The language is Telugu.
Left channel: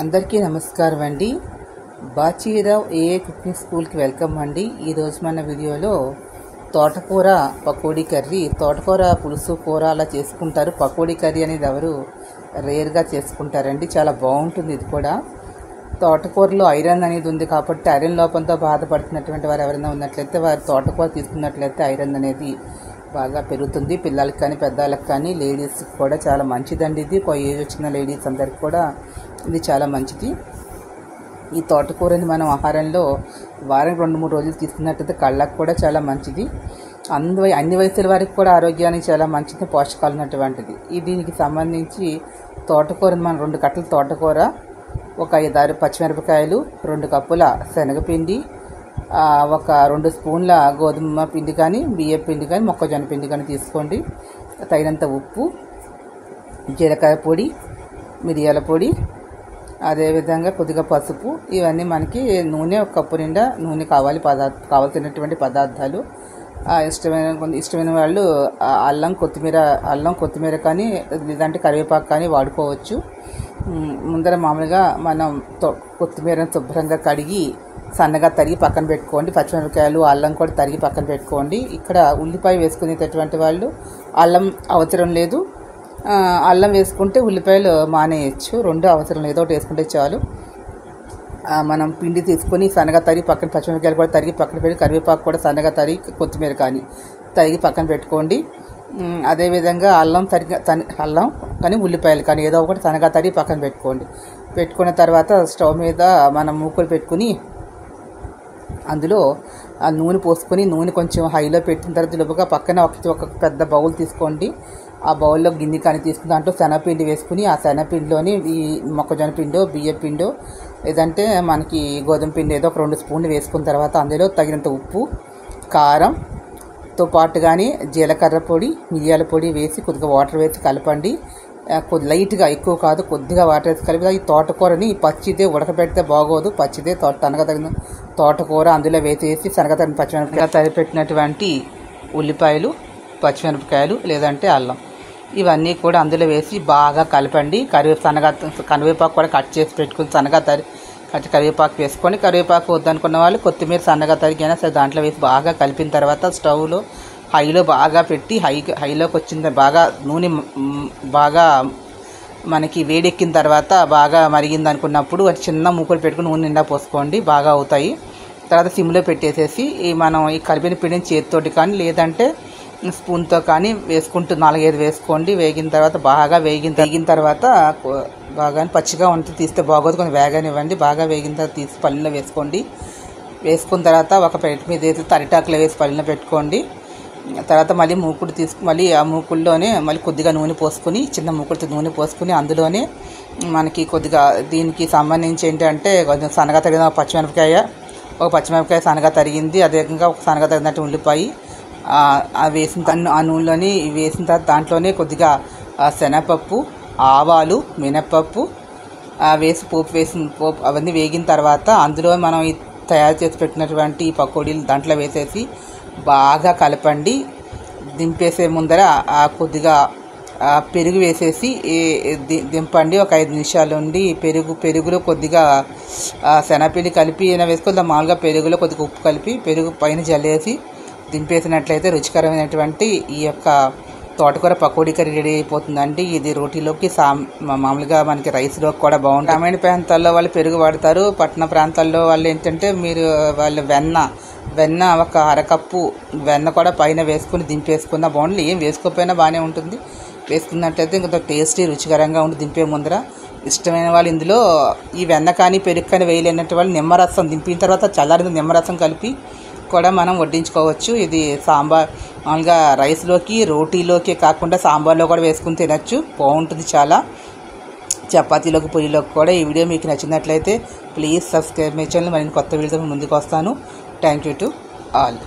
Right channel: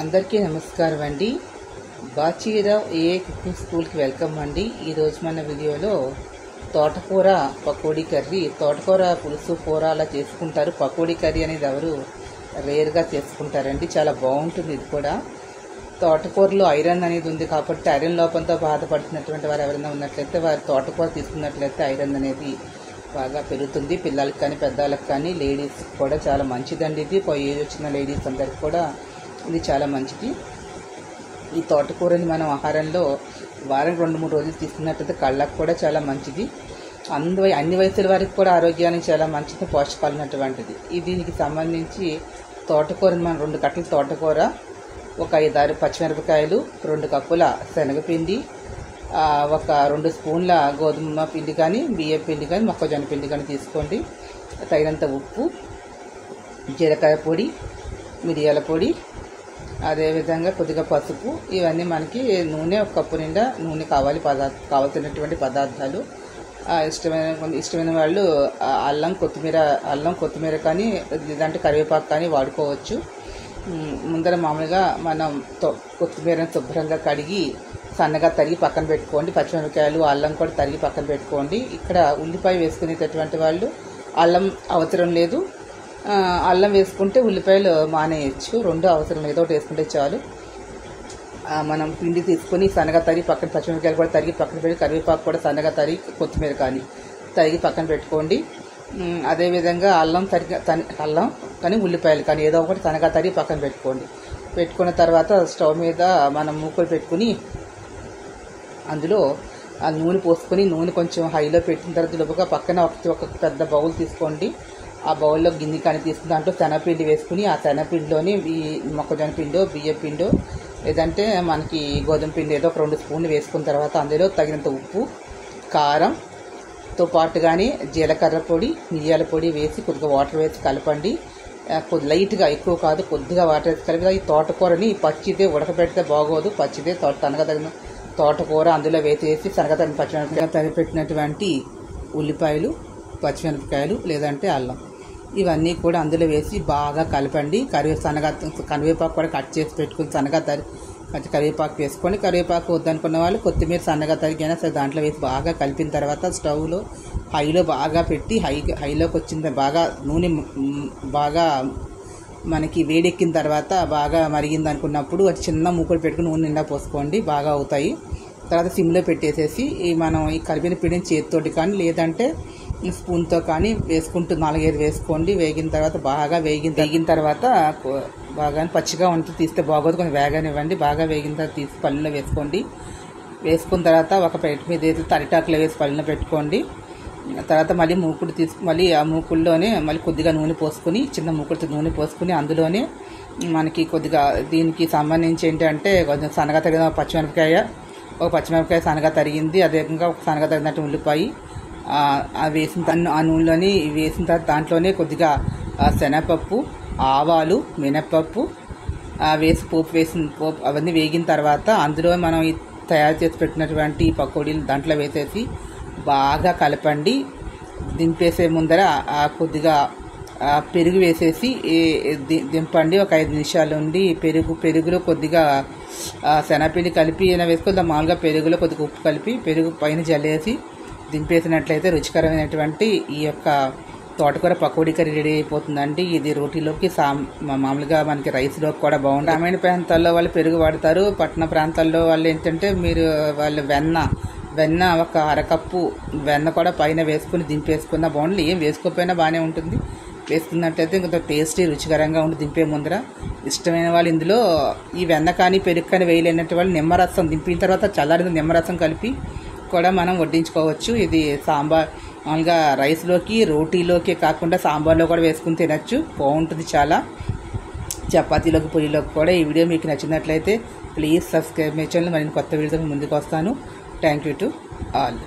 అందరికీ నమస్కారం అండి. బాచీరావు ఏఏ కుకింగ్ స్కూల్కి వెల్కమ్ అండి. ఈరోజు మన వీడియోలో తోటకూర పకోడీ కర్రీ, తోటకూర పులుసు కూర అలా చేసుకుంటారు. పకోడీ కర్రీ అనేది ఎవరు రేర్గా చేసుకుంటారండి. చాలా బాగుంటుంది. ఇది కూడా తోటకూరలో ఐరన్ అనేది ఉంది కాబట్టి ఐరన్ లోపంతో బాధపడుతున్నటువంటి వారు ఎవరైనా ఉన్నట్లయితే వారు తోటకూర తీసుకున్నట్లయితే ఐరన్ అనేది బాగా పెరుగుతుంది. పిల్లలకి కానీ పెద్దవాళ్ళకి కానీ లేడీస్కి కూడా చాలా మంచిదండి. ఇది ఏజ్ వచ్చిన లేడీస్ అందరికి కూడా ఇది చాలా మంచిది. ఈ తోటకూరని మనం ఆహారంలో వారం 2-3 రోజులు తీసుకున్నట్లయితే కళ్ళకు కూడా చాలా మంచిది. అన్ని వయసుల వారికి కూడా ఆరోగ్యానికి చాలా మంచిది, పోషకాలు ఉన్నటువంటిది. దీనికి సంబంధించి తోటకూరని మనం 2 కట్టల తోటకూర, ఒక 5-6 పచ్చిమిరపకాయలు, 2 కప్పుల శనగపిండి, ఒక 2 స్పూన్ల గోధుమ పిండి కానీ బియ్యం పిండి కానీ మొక్కజొన్న పిండి కానీ తీసుకోండి. తగినంత ఉప్పు, జీలకర్ర పొడి, మిరియాల పొడి, అదేవిధంగా కొద్దిగా పసుపు. ఇవన్నీ మనకి నూనె, 1 కప్పు నిండా నూనె కావాల్సినటువంటి పదార్థాలు. ఇష్టమైన వాళ్ళు అల్లం కొత్తిమీర కానీ లేదంటే కరివేపాకు కానీ వాడుకోవచ్చు. ముందర మామూలుగా మనం కొత్తిమీరను శుభ్రంగా కడిగి సన్నగా తరిగి పక్కన పెట్టుకోండి. పచ్చిమిరపకాయలు, అల్లం కూడా తరిగి పక్కన పెట్టుకోండి. ఇక్కడ ఉల్లిపాయ వేసుకునేటటువంటి వాళ్ళు అల్లం అవసరం లేదు. అల్లం వేసుకుంటే ఉల్లిపాయలు మానేయచ్చు. 2 అవసరం లేదు, ఒకటి వేసుకుంటే చాలు. మనం పిండి తీసుకొని సన్నగా తరిగి పక్కన, పచ్చిమిరపకాయలు కూడా తరిగి పక్కన పెట్టి, కరివేపాకు కూడా సన్నగా తరిగి, కొత్తిమీర కానీ తరిగి పక్కన పెట్టుకోండి. అదేవిధంగా అల్లం కానీ ఉల్లిపాయలు కానీ ఏదో ఒకటి సన్నగా తరిగి పక్కన పెట్టుకోండి. పెట్టుకున్న తర్వాత స్టవ్ మీద మనం మూకులు పెట్టుకుని అందులో ఆ నూనె పోసుకొని, నూనె కొంచెం హైలో పెట్టిన తర్వాత లోపుగా పక్కన ఒక పెద్ద బౌల్ తీసుకోండి. ఆ బౌల్లో గిన్నె కానీ తీసుకుని దాంట్లో శనగపిండి వేసుకుని, ఆ శనగపిండిలోని ఈ మొక్కజొన్న పిండో బియ్యం పిండో లేదంటే మనకి గోధుమ పిండి ఏదో ఒక 2 స్పూన్లు వేసుకున్న తర్వాత అందులో తగినంత ఉప్పు, కారంతో పాటుగానే జీలకర్ర పొడి, మిరియాల పొడి వేసి కొద్దిగా వాటర్ వేసి కలపండి. లైట్గా, ఎక్కువ కాదు, కొద్దిగా వాటర్ వేసి కలిపి ఈ తోటకూరని పచ్చిదే ఉడకబెడితే బాగోదు. పచ్చిదే తనగా తగిన తోటకూర అందులో వేసేసి సనగా తగిన పచ్చిమిరపకాయలు తరిపెట్టినటువంటి ఉల్లిపాయలు, పచ్చిమిరపకాయలు లేదంటే అల్లం ఇవన్నీ కూడా అందులో వేసి బాగా కలపండి. కరివేపాకు కూడా కట్ చేసి పెట్టుకుని సన్నగా కరివేపాకు వేసుకొని, కరివేపాకు వద్దనుకున్న వాళ్ళు కొత్తిమీర సన్నగా తరిగినా సరే దాంట్లో వేసి బాగా కలిపిన తర్వాత స్టవ్లో హైలో బాగా పెట్టి, హైలోకి వచ్చిన బాగా నూనె బాగా మనకి వేడెక్కిన తర్వాత బాగా మరిగింది అనుకున్నప్పుడు చిన్న మూకులు పెట్టుకుని నూనె నిండా పోసుకోండి. బాగా అవుతాయి. తర్వాత సిమ్లో పెట్టేసేసి మనం ఈ కలిపిన పిండిని చేతితోటి కానీ లేదంటే స్పూన్తో కానీ వేసుకుంటూ 4-5 వేసుకోండి. వేగిన తర్వాత బాగా వేగిన తర్వాత బాగా పచ్చిగా ఉంటే తీస్తే బాగోదు, కొంచెం వేగనివ్వండి. బాగా వేగిన తర్వాత తీసి పళ్ళలో వేసుకోండి. వేసుకున్న తర్వాత ఒక ప్లేట్ మీద వేసి తరిటాకులో వేసి పళ్ళలో పెట్టుకోండి. తర్వాత మళ్ళీ మూకుడు మళ్ళీ ఆ మూకుల్లోనే మళ్ళీ కొద్దిగా నూనె పోసుకుని, చిన్న మూకుడితో నూనె పోసుకుని అందులోనే మనకి కొద్దిగా దీనికి సంబంధించి ఏంటంటే కొంచెం సన్నగా తరిగిన ఒక పచ్చిమిరపకాయ సన్నగా తరిగింది, అదేవిధంగా ఒక సన్నగా తరిగినట్టు ఉల్లిపాయ వేసిన ఆ నూనెలోని వేసిన తర్వాత దాంట్లోనే కొద్దిగా శనగపప్పు, ఆవాలు, మినప్పప్పు వేసి పోపు అవన్నీ వేగిన తర్వాత అందులో మనం తయారు చేసి పెట్టినటువంటి పకోడీలు దాంట్లో వేసేసి బాగా కలపండి. దింపేసే ముందర కొద్దిగా పెరుగు వేసేసి దింపండి. ఒక 5 నిమిషాలు ఉండి పెరుగులో కొద్దిగా శనగపిండి కలిపి వేసుకొని మామూలుగా పెరుగులో కొద్దిగా ఉప్పు కలిపి పెరుగు పైన జల్లేసి దింపేసినట్లయితే రుచికరమైనటువంటి ఈ యొక్క తోటకూర పకోడీ కర్రీ రెడీ అయిపోతుందండి. ఇది రోటీలోకి మామూలుగా మనకి రైస్లోకి కూడా బాగుంటుంది. గ్రామీణ ప్రాంతాల్లో వాళ్ళు పెరుగు వాడతారు. పట్టణ ప్రాంతాల్లో వాళ్ళు ఏంటంటే వాళ్ళు వెన్న ఒక 1/2 కప్పు వెన్న కూడా పైన వేసుకుని దింపేసుకున్న బాగుంటుంది. ఏం వేసుకోకపోయినా బాగానే ఉంటుంది. వేసుకున్నట్లయితే ఇంకొంత టేస్టీ రుచికరంగా ఉంటుంది. దింపే ముందర ఇష్టమైన వాళ్ళు ఇందులో ఈ వెన్న కానీ పెరుగు కానీ వేయలేనట్టు వాళ్ళు నిమ్మరసం దింపిన తర్వాత చల్లారిన నిమ్మరసం కలిపి కూడా మనం వడ్డించుకోవచ్చు. ఇది సాంబార్ మామూలుగా రైస్లోకి రోటీలోకి కాకుండా సాంబార్లో కూడా వేసుకుని తినచ్చు. బాగుంటుంది చాలా. చపాతీలోకి, పూరీలోకి కూడా. ఈ వీడియో మీకు నచ్చినట్లయితే ప్లీజ్ సబ్స్క్రైబ్ మై ఛానల్. మరిన్ని కొత్త వీడియోతో ముందుకు వస్తాను. Thank you to all.